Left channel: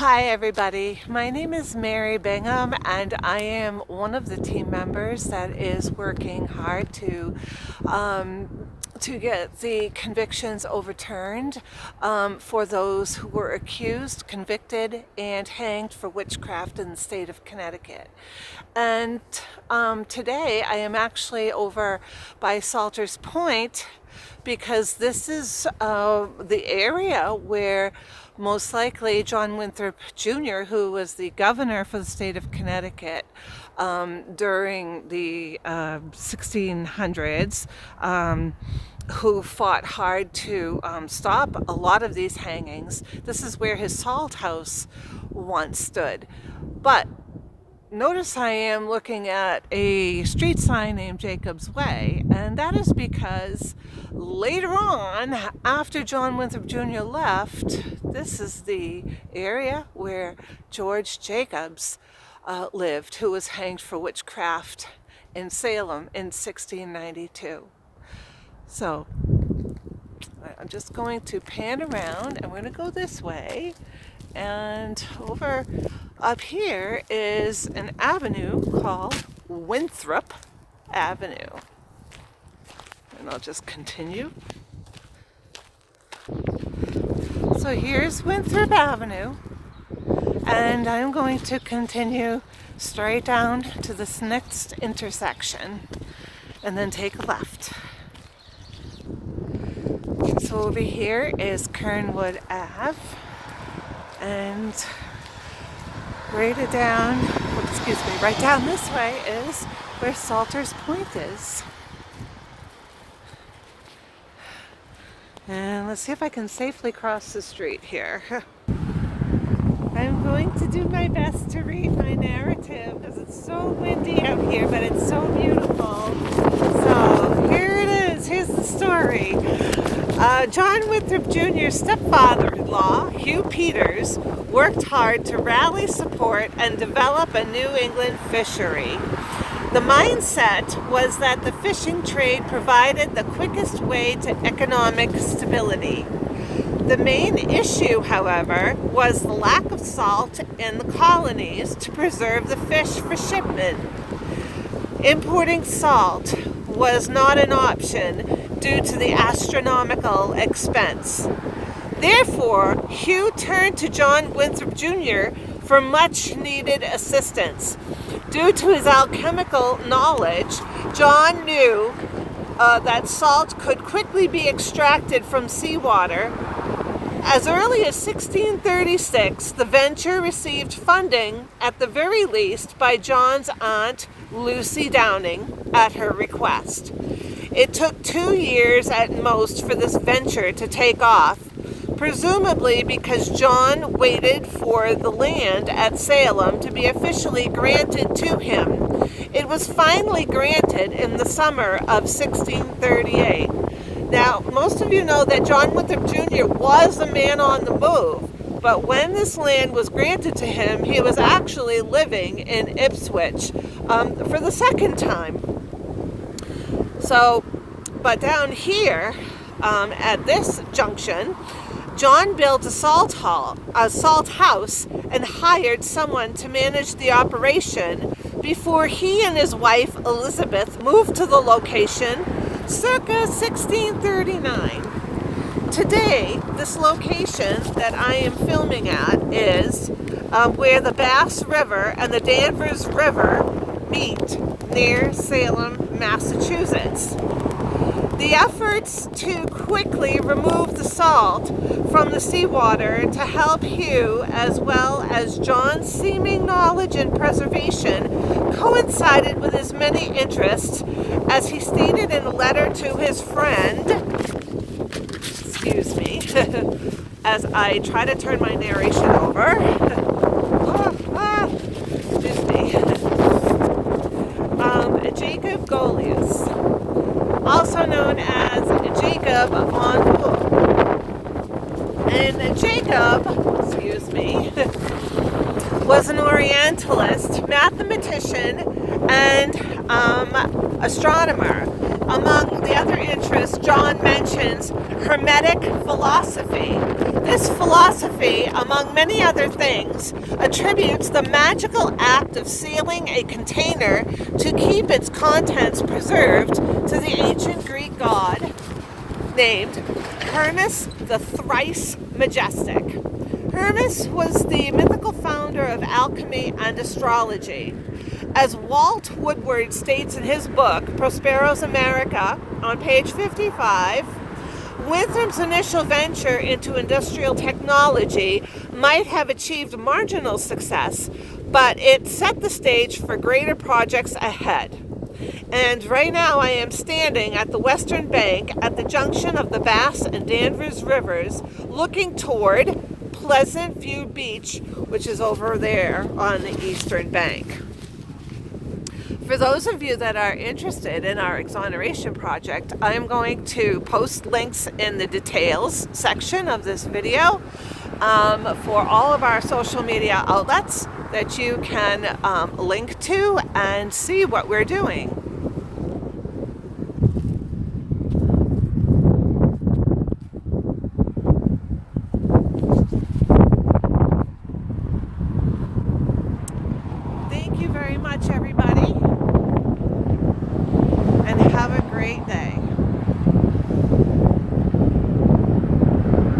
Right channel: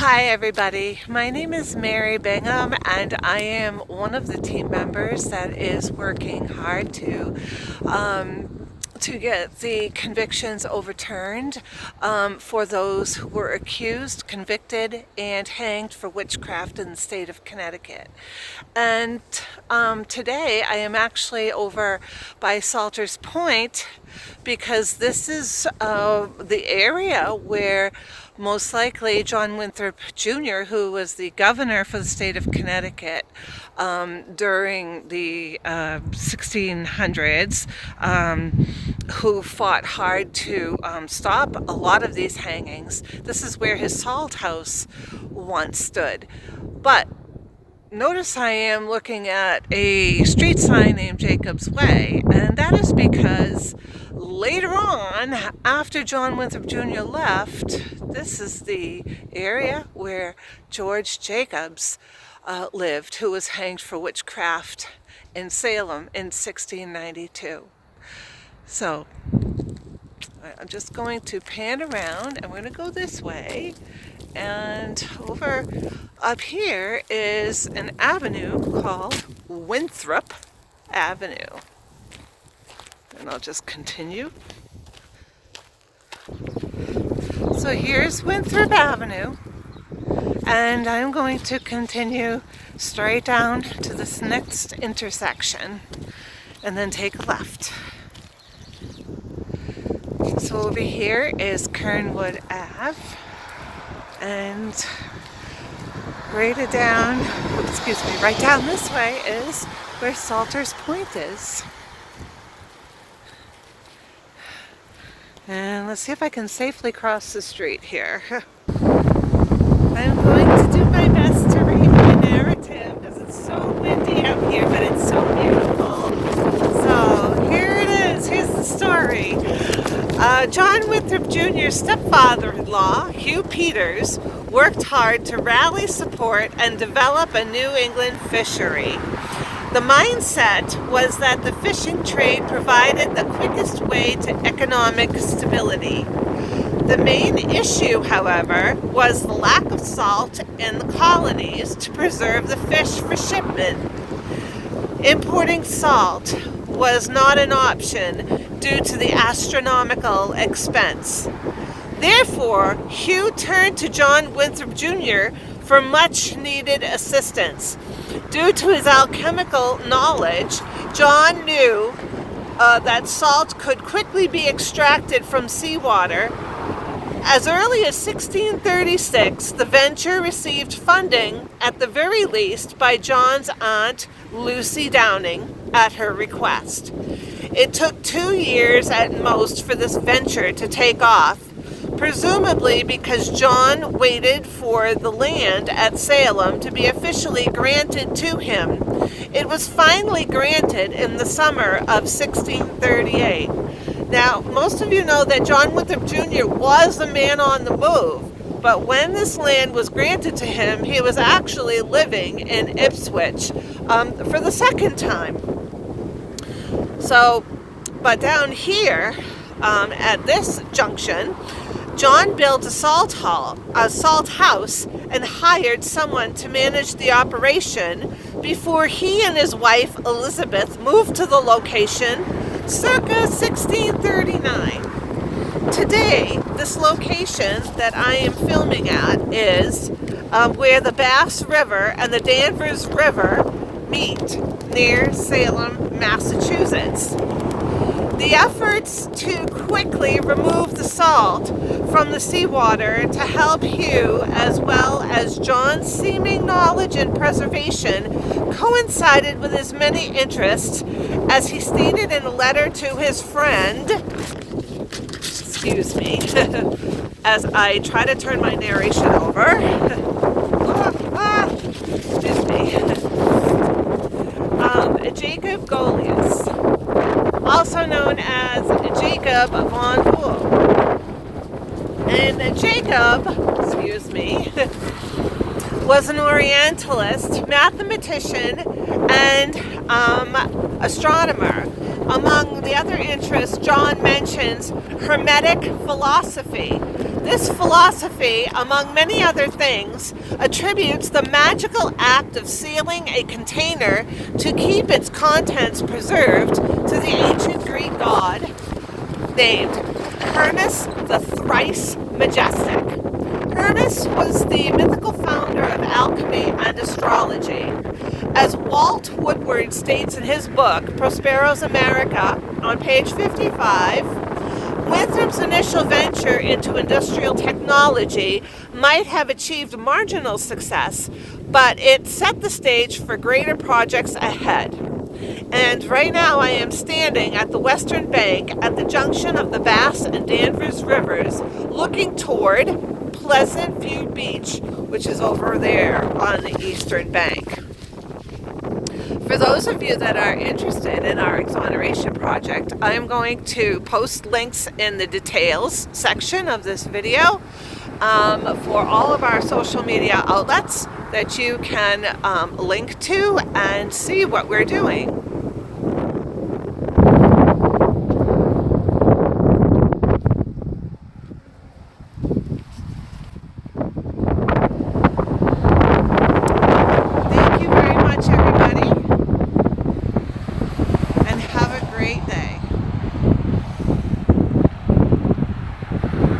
Hi everybody, my name is Mary Bingham and I am one of the team members that is working hard to get the convictions overturned for those who were accused, convicted, and hanged for witchcraft in the state of Connecticut. And today I am actually over by Salter's Point because this is the area where most likely John Winthrop Jr., who was the governor for the state of Connecticut during the 1600s, who fought hard to stop a lot of these hangings. This is where his salt house once stood. But notice I am looking at a street sign named Jacob's Way, and that is because later on, after John Winthrop Jr. left, this is the area where George Jacobs lived, who was hanged for witchcraft in Salem in 1692. So I'm just going to pan around. I'm going to go this way, and over up here is an avenue called Winthrop Avenue. And I'll just continue. So here's Winthrop Avenue, and I'm going to continue straight down to this next intersection and then take a left. So over here is Kernwood Ave, and right down this way is where Salter's Point is. And let's see if I can safely cross the street here. I'm going to do my best to read my narrative because it's so windy out here, but it's so beautiful. So here it is. Here's the story. John Winthrop Jr.'s stepfather-in-law, Hugh Peters, worked hard to rally support and develop a New England fishery. The mindset was that the fishing trade provided the quickest way to economic stability. The main issue, however, was the lack of salt in the colonies to preserve the fish for shipment. Importing salt was not an option due to the astronomical expense. Therefore, Hugh turned to John Winthrop Jr. for much needed assistance. Due to his alchemical knowledge, John knew that salt could quickly be extracted from seawater. As early as 1636, the venture received funding, at the very least, by John's aunt, Lucy Downing, at her request. It took 2 years at most for this venture to take off, presumably because John waited for the land at Salem to be officially granted to him. It was finally granted in the summer of 1638. Now, most of you know that John Winthrop Jr. was a man on the move, but when this land was granted to him, he was actually living in Ipswich for the second time. So, but down here, at this junction, John built a salt house, and hired someone to manage the operation before he and his wife Elizabeth moved to the location circa 1639. Today, this location that I am filming at is where the Bass River and the Danvers River meet near Salem, Massachusetts. The efforts to quickly remove the salt from the seawater to help Hugh, as well as John's seeming knowledge and preservation, coincided with his many interests, as he stated in a letter to his friend. Excuse me, as I try to turn my narration over. Excuse me. Jacob Golius, also known as Jacob von Bull. And Jacob, was an Orientalist, mathematician, and astronomer. Among the other interests, John mentions Hermetic philosophy. This philosophy, among many other things, attributes the magical act of sealing a container to keep its contents preserved to the ancient Greek god named Hermes the Thrice Majestic. Hermes was the mythical founder of alchemy and astrology. As Walt Woodward states in his book, Prospero's America, on page 55, Winthrop's initial venture into industrial technology might have achieved marginal success, but it set the stage for greater projects ahead. And right now I am standing at the western bank at the junction of the Bass and Danvers rivers, looking toward Pleasant View Beach, which is over there on the eastern bank. For those of you that are interested in our exoneration project, I'm going to post links in the details section of this video for all of our social media outlets that you can link to and see what we're doing. Thank you very much, everybody, and have a great day.